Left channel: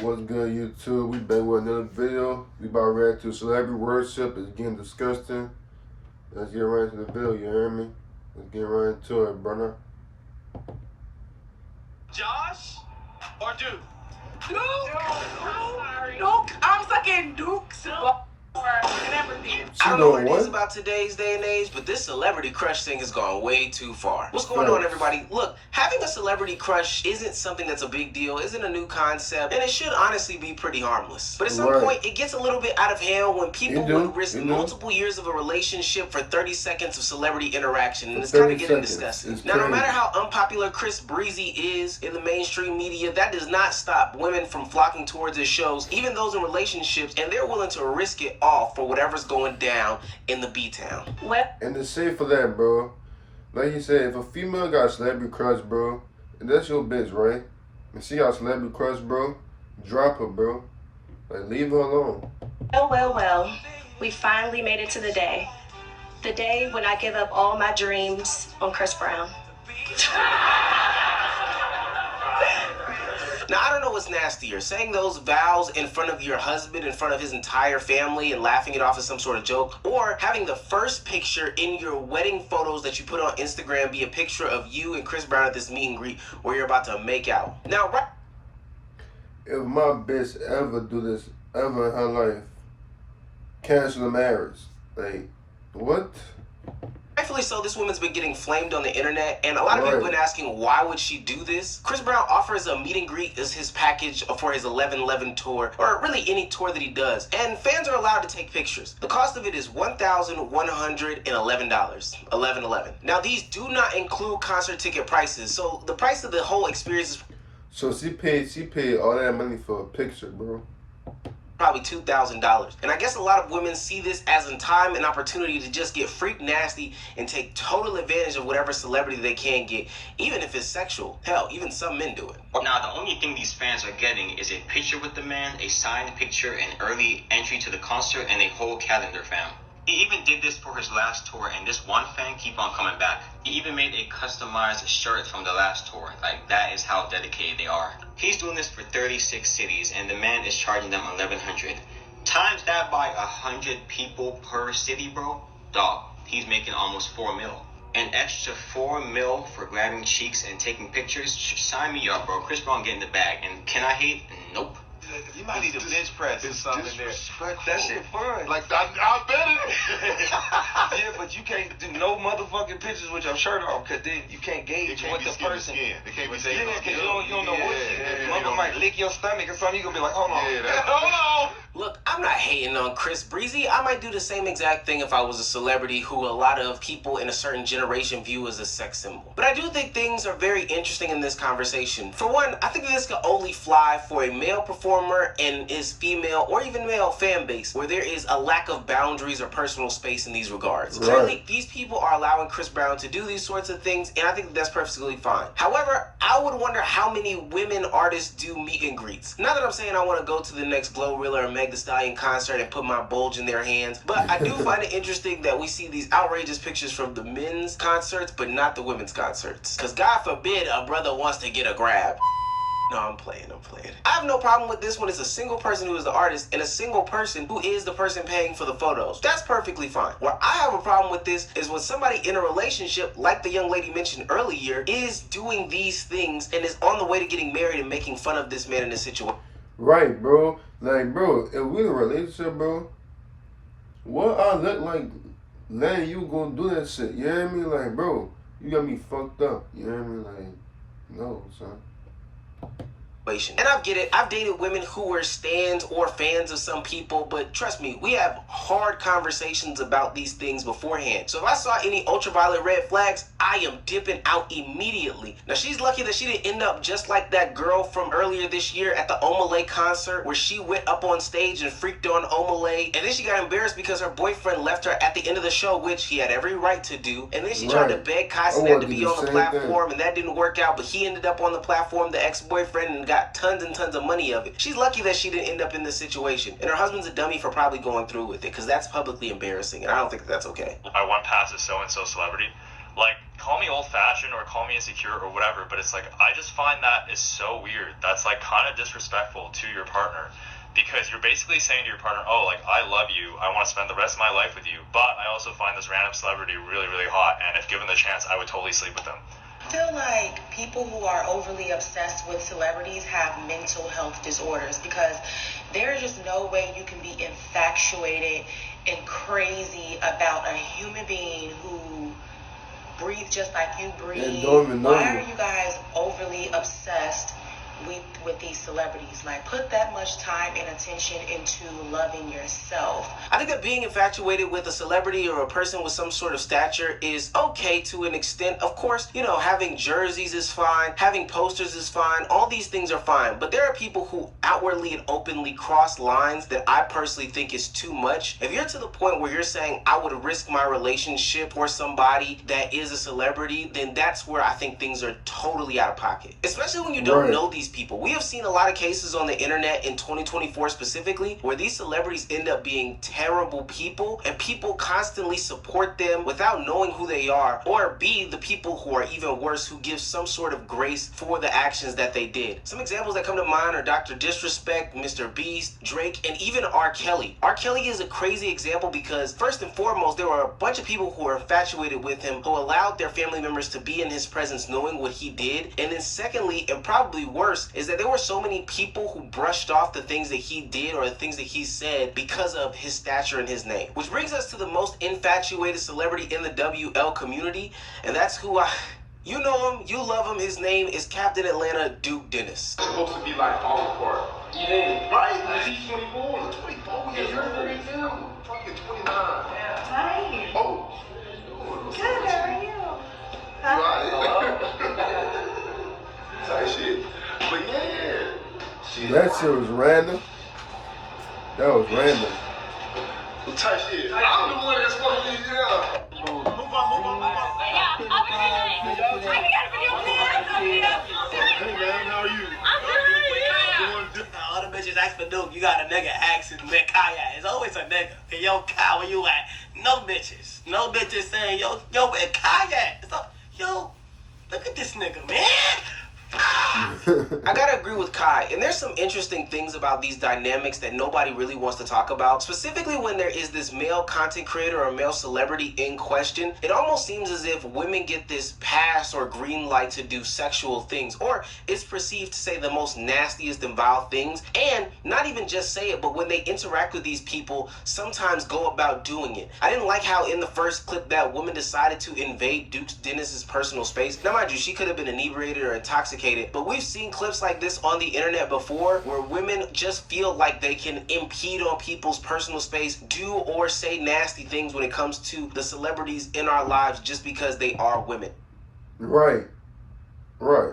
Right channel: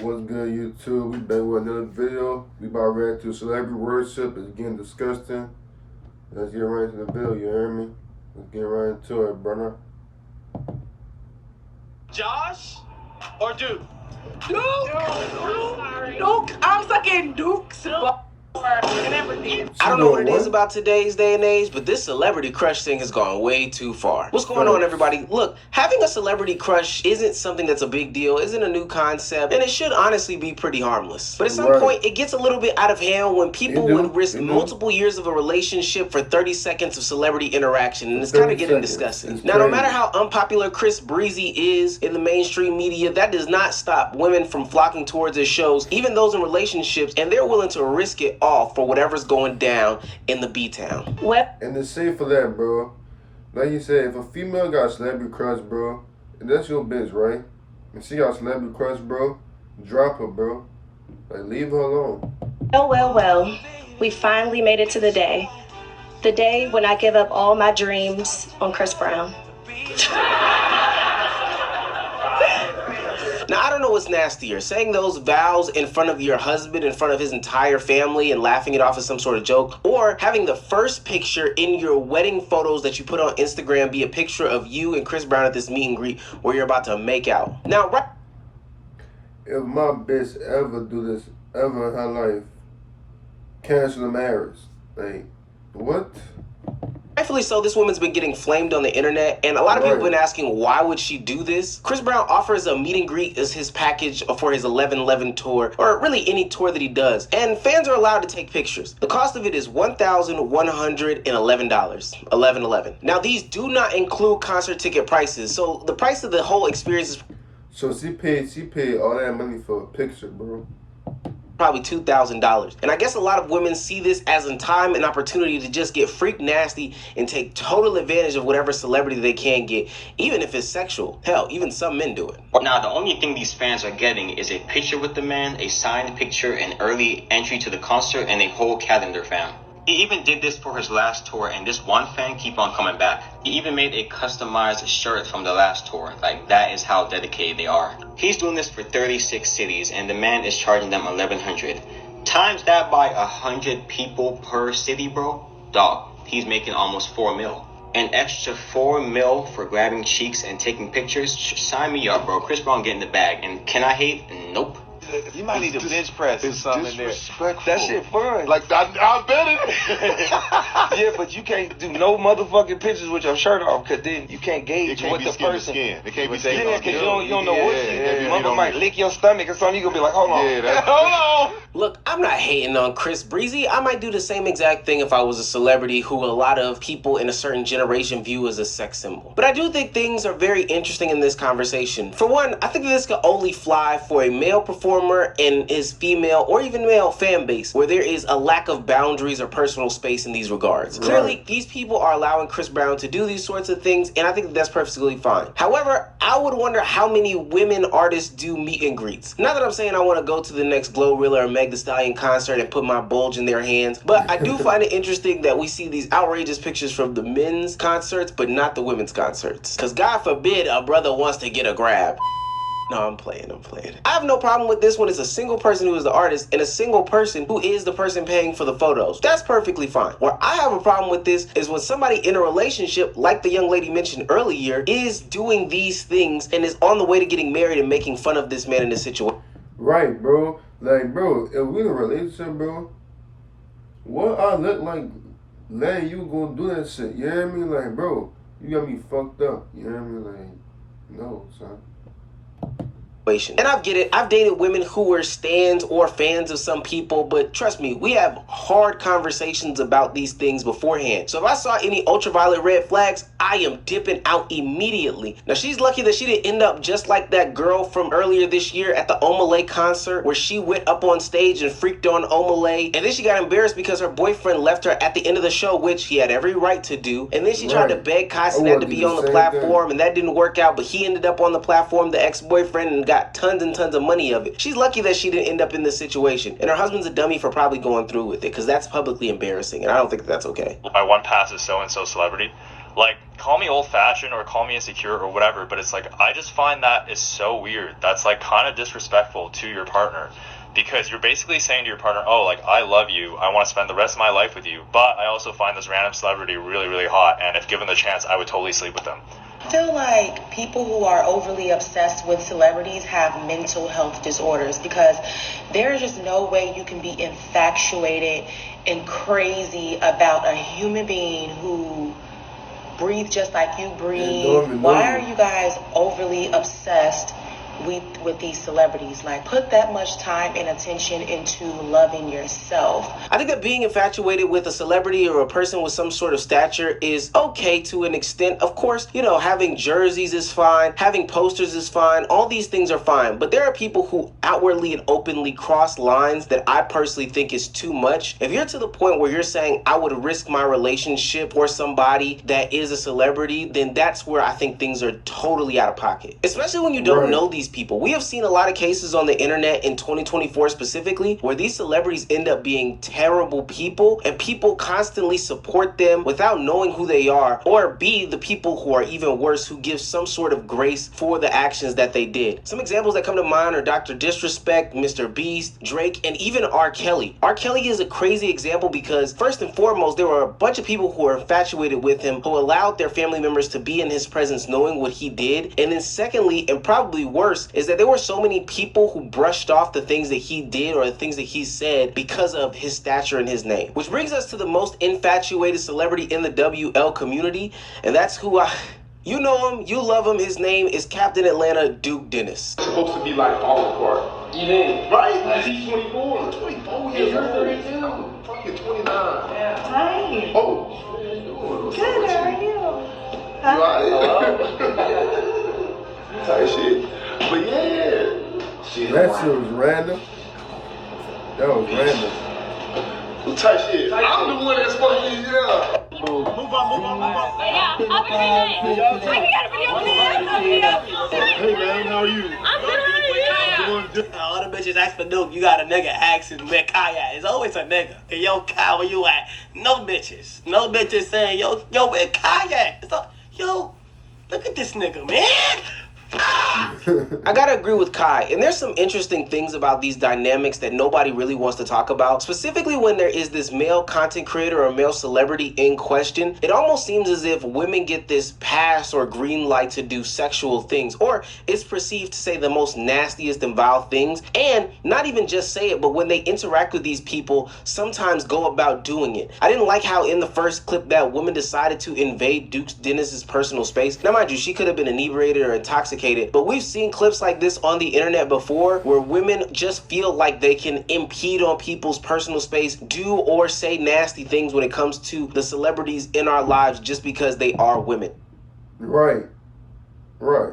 What's good, YouTube? We back with another video. We about ready to celebrity worship. It's getting disgusting. Let's get right into the video, you hear me? Let's get right into it, brother. Josh or Duke? Duke. I'm fucking Duke's and everything. I don't know what it is about today's day and age, but this celebrity crush thing has gone way too far. What's going on, everybody? Look, having a celebrity crush isn't something that's a big deal, isn't a new concept, and it should honestly be pretty harmless. But at some point, it gets a little bit out of hand when people would risk multiple years of a relationship for 30 seconds of celebrity interaction, and it's kind of getting disgusting. Now, no matter how unpopular Chris Breezy is in the mainstream media, that does not stop women from flocking towards his shows, even those in relationships, and they're willing to risk it all for whatever's going down in the B-Town. And the shade for that, bro. Like you said, if a female got a celebrity crush, bro, and that's your bitch, right? And she got a celebrity crush, bro, drop her, bro. Like, leave her alone. Well. We finally made it to the day. The day when I give up all my dreams on Chris Brown. Now, I don't know what's nastier, saying those vows in front of your husband, in front of his entire family, and laughing it off as some sort of joke, or having the first picture in your wedding photos that you put on Instagram be a picture of you and Chris Brown at this meet and greet where you're about to make out. Now, if my bitch ever do this ever in her life, cancel the marriage. Like, what? Rightfully so, this woman's been getting flamed on the internet, and a lot of people have been asking, why would she do this? Chris Brown offers a meet and greet as his package for his 11/11 tour, or really any tour that he does, and fans are allowed to take pictures. The cost of it is $1,111, 11/11. Now, these do not include concert ticket prices, so the price of the whole experience is... So she paid all that money for a picture, bro. Probably $2,000. And I guess a lot of women see this as in time an opportunity to just get freak nasty and take total advantage of whatever celebrity they can get, even if it's sexual. Hell, even some men do it. Now, the only thing these fans are getting is a picture with the man, a signed picture, an early entry to the concert, and a whole calendar, fam. He even did this for his last tour, and this one fan keep on coming back. He even made a customized shirt from the last tour. Like, that is how dedicated they are. He's doing this for 36 cities, and the man is charging them $1,100. Times that by 100 people per city, bro. Dog, he's making almost $4 mil. An extra $4 mil for grabbing cheeks and taking pictures. Sign me up, bro. Chris Brown getting the bag. And can I hate? Nope. You might need a bench press or something in there. That shit fun. Like, I bet it. Yeah, but you can't do no motherfucking pictures with your shirt off, because then you can't gauge what the person... It can't be skin. Yeah, because you don't know what you... Mother might lick your stomach or something. You gonna be like, hold on. Yeah, hold on. Look, I'm not hating on Chris Breezy. I might do the same exact thing if I was a celebrity who a lot of people in a certain generation view as a sex symbol. But I do think things are very interesting in this conversation. For one, I think this could only fly for a male performer and his female or even male fan base, where there is a lack of boundaries or personal space in these regards. Clearly, these people are allowing Chris Brown to do these sorts of things, and I think that's perfectly fine. However, I would wonder how many women artists do meet and greets. Not that I'm saying I want to go to the next Glorilla or Meg Thee Stallion concert and put my bulge in their hands, but I do find it interesting that we see these outrageous pictures from the men's concerts, but not the women's concerts. Because God forbid a brother wants to get a grab. No, I'm playing. I have no problem with this when it's a single person who is the artist and a single person who is the person paying for the photos. That's perfectly fine. Where I have a problem with this is when somebody in a relationship, like the young lady mentioned earlier, is doing these things and is on the way to getting married and making fun of this man in this situation. Right, bro. Like, bro, if we in a relationship, bro, what I look like letting you go do that shit? You hear me? Like, bro, you got me fucked up. You hear me? Like, no, son. And I get it. I've dated women who were stans or fans of some people, but trust me, we have hard conversations about these things beforehand. So if I saw any ultraviolet red flags, I am dipping out immediately. Now, she's lucky that she didn't end up just like that girl from earlier this year at the Omalay concert, where she went up on stage and freaked on Omalay, and then she got embarrassed because her boyfriend left her at the end of the show, which he had every right to do. And then she tried to beg Kai Cenat to be on the platform, and that didn't work out, but he ended up on the platform, the ex-boyfriend, and got tons and tons of money of it. She's lucky that she didn't end up in this situation, and her husband's a dummy for probably going through with it, because that's publicly embarrassing, and I don't think that's okay. My one pass is so-and-so celebrity. Like, call me old-fashioned or call me insecure or whatever, but it's like, I just find that is so weird. That's, like, kind of disrespectful to your partner, because you're basically saying to your partner, oh, like, I love you, I want to spend the rest of my life with you, but I also find this random celebrity really, really hot, and if given the chance, I would totally sleep with them. I feel like people who are overly obsessed with celebrities have mental health disorders, because there's just no way you can be infatuated and crazy about a human being who breathe just like you breathe. Why are you guys overly obsessed with these celebrities? Like, put that much time and attention into loving yourself. I think that being infatuated with a celebrity or a person with some sort of stature is okay to an extent. Of course, you know, having jerseys is fine, having posters is fine, all these things are fine, but there are people who outwardly and openly cross lines that I personally think is too much. If you're to the point where you're saying I would risk my relationship for somebody that is a celebrity, then that's where I think things are totally out of pocket, especially when you don't know these people. We have seen a lot of cases on the internet in 2024 specifically where these celebrities end up being terrible people, and people constantly support them without knowing who they are, or B, the people who are even worse, who give some sort of grace for the actions that they did. Some examples that come to mind are Dr. Disrespect, Mr. Beast, Drake, and even R. Kelly. R. Kelly is a crazy example because first and foremost, there were a bunch of people who were infatuated with him, who allowed their family members to be in his presence knowing what he did. And then secondly, and probably worse, is that there were so many people who brushed off the things that he did or the things that he said because of his stature and his name. Which brings us to the most infatuated celebrity in the WL community, and that's who you know him, you love him, his name is Captain Atlanta, Duke Dennis. It's supposed to be like all apart. You did. Right? Because he's 24. 24 years old. 32. Fucking 29. Yeah. Hi. Oh. Good, how are you? Right. Type shit. But yeah. Shit. That shit was random. That was random. Type shit. I'm the one that's supposed to be here. Move on. Yeah, I'll be there. Hey man, how are you? I'm good. All the bitches ask for Duke, you got a nigga asking where Kai at. It's always a nigga. And yo, Kai, where you at? No bitches. No bitches saying, yo, where Kai at? It's like, yo, look at this nigga, man. I gotta agree with Kai, and there's some interesting things about these dynamics that nobody really wants to talk about, specifically when there is this male content creator or male celebrity in question. It almost seems as if women get this pass or green light to do sexual things, or it's perceived to say the most nastiest and vile things, and not even just say it, but when they interact with these people, sometimes go about doing it. I didn't like how in the first clip that woman decided to invade Duke Dennis's personal space. Now mind you, she could have been inebriated or intoxicated, but we've seen clips like this on the internet before where women just feel like they can impede on people's personal space, do or say nasty things when it comes to the celebrities in our lives just because they are women. Right. I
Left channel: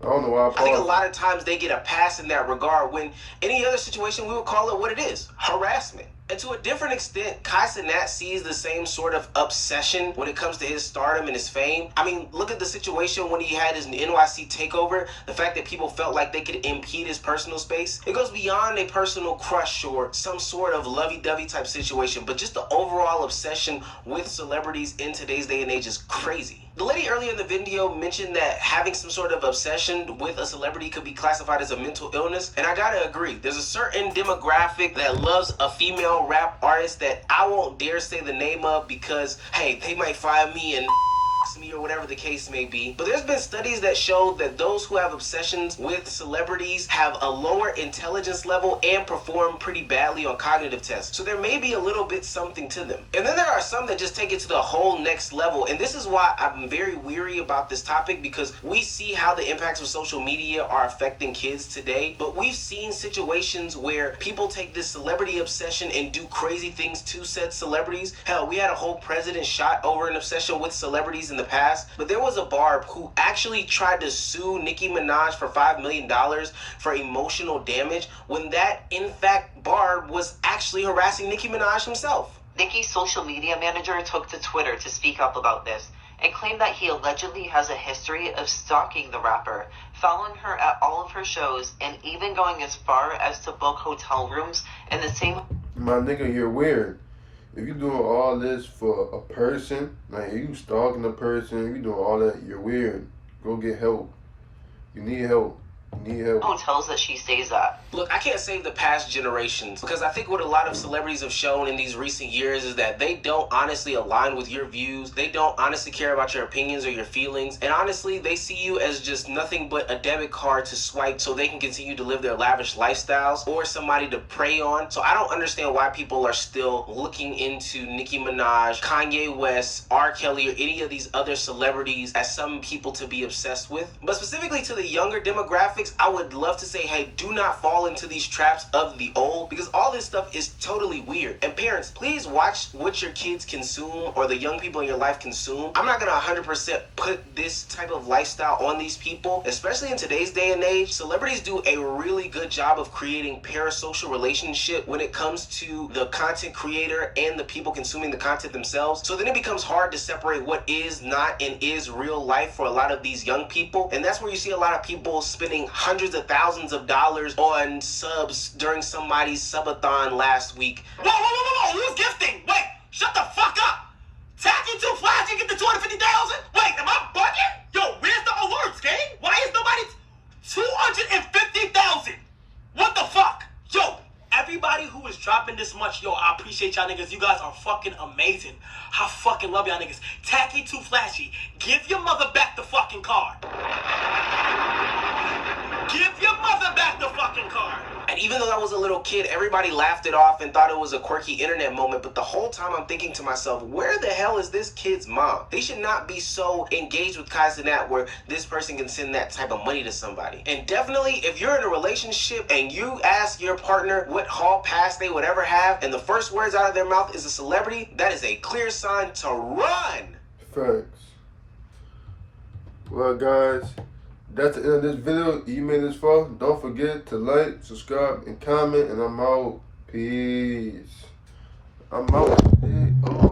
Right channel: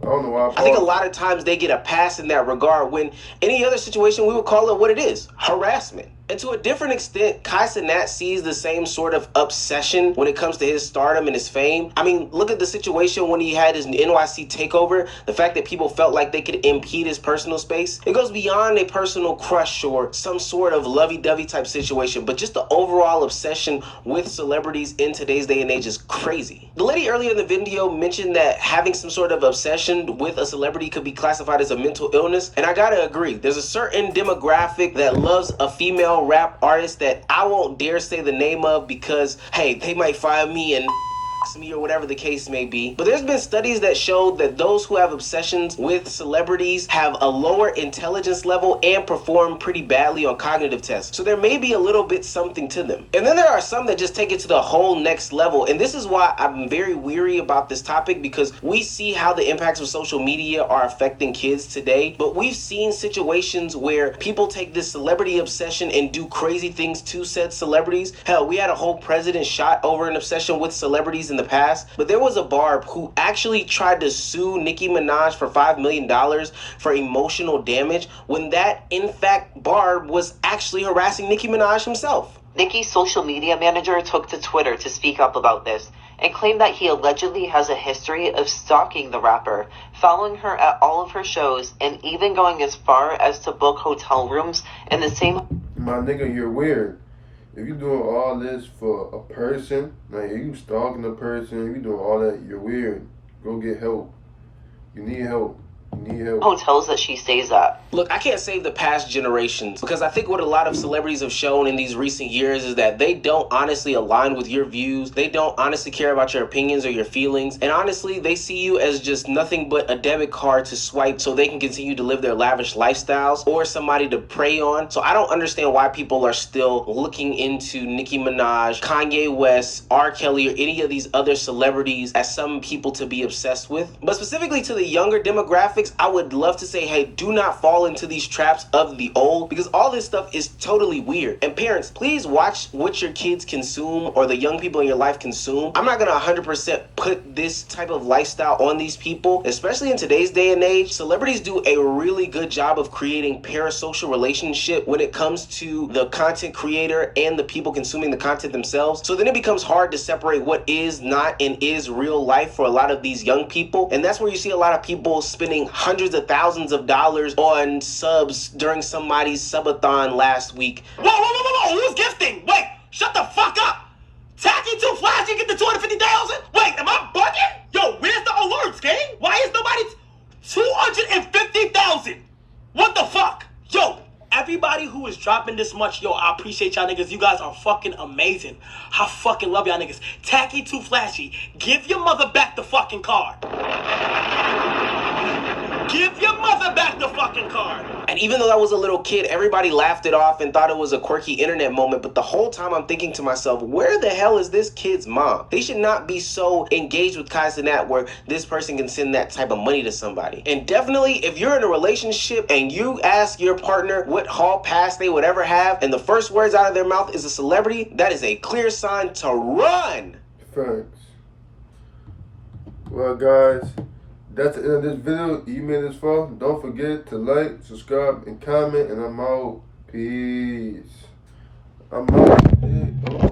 don't know why I think a lot of times they get a pass in that regard when any other situation we would call it what it is, harassment. And to a different extent, Kai Cenat sees the same sort of obsession when it comes to his stardom and his fame. I mean, look at the situation when he had his NYC takeover, the fact that people felt like they could impede his personal space. It goes beyond a personal crush or some sort of lovey-dovey type situation, but just the overall obsession with celebrities in today's day and age is crazy. The lady earlier in the video mentioned that having some sort of obsession with a celebrity could be classified as a mental illness, and I gotta agree. There's a certain demographic that loves a female rap artist that I won't dare say the name of because, hey, they might find me and me or whatever the case may be. But there's been studies that show that those who have obsessions with celebrities have a lower intelligence level and perform pretty badly on cognitive tests. So there may be a little bit something to them. And then there are some that just take it to the whole next level. And this is why I'm very weary about this topic, because we see how the impacts of social media are affecting kids today. But we've seen situations where people take this celebrity obsession and do crazy things to said celebrities. Hell, we had a whole president shot over an obsession with celebrities in the past, but there was a Barb who actually tried to sue Nicki Minaj for $5 million for emotional damage when that, in fact, Barb was actually harassing Nicki Minaj himself. Nicki's social media manager took to Twitter to speak up about this and claimed that he allegedly has a history of stalking the rapper, following her at all of her shows, and even going as far as to book hotel rooms in the same... My nigga, you're weird. if you doing all this for a person, like if you stalking a person, if you doing all that, you're weird. Go get help. You need help. You need help. Hotels that she stays at. Look, I can't save the past generations because I think what a lot of celebrities have shown in these recent years is that they don't honestly align with your views. They don't honestly care about your opinions or your feelings. And honestly, they see you as just nothing but a debit card to swipe so they can continue to live their lavish lifestyles or somebody to prey on. So I don't understand why people are still looking into Nicki Minaj, Kanye West, R. Kelly, or any of these other celebrities as some people to be obsessed with. But specifically to the younger demographics, I would love to say, hey, do not fall into these traps of the old because all this stuff is totally weird. And parents, please watch what your kids consume or the young people in your life consume. I'm not going to 100% put this type of lifestyle on these people, especially in today's day and age. Celebrities do a really good job of creating parasocial relationship when it comes to the content creator and the people consuming the content themselves. So then it becomes hard to separate what is not and is real life for a lot of these young people. And that's where you see a lot of people spending hundreds of thousands of dollars on subs during somebody's subathon last week. Whoa, who's gifting? Wait, shut the fuck up. Tacky Too Flashy get the 250,000? Wait, am I bugging? Yo, where's the alerts, gang? Why is nobody 250,000? What the fuck? Yo, everybody who is dropping this much, yo, I appreciate y'all niggas. You guys are fucking amazing. I fucking love y'all niggas. Tacky Too Flashy, give your mother back the fucking card. Give your mother back the fucking card. And even though I was a little kid, everybody laughed it off and thought it was a quirky internet moment. But the whole time I'm thinking to myself, where the hell is this kid's mom? They should not be so engaged with Kai Cenat where this person can send that type of money to somebody. And definitely, if you're in a relationship and you ask your partner what hall pass they would ever have, and the first words out of their mouth is a celebrity, that is a clear sign to run. Thanks. Well, guys, that's the end of this video. You made this far. Don't forget to like, subscribe, and comment. And I'm out. Peace. I'm out. Hey, oh.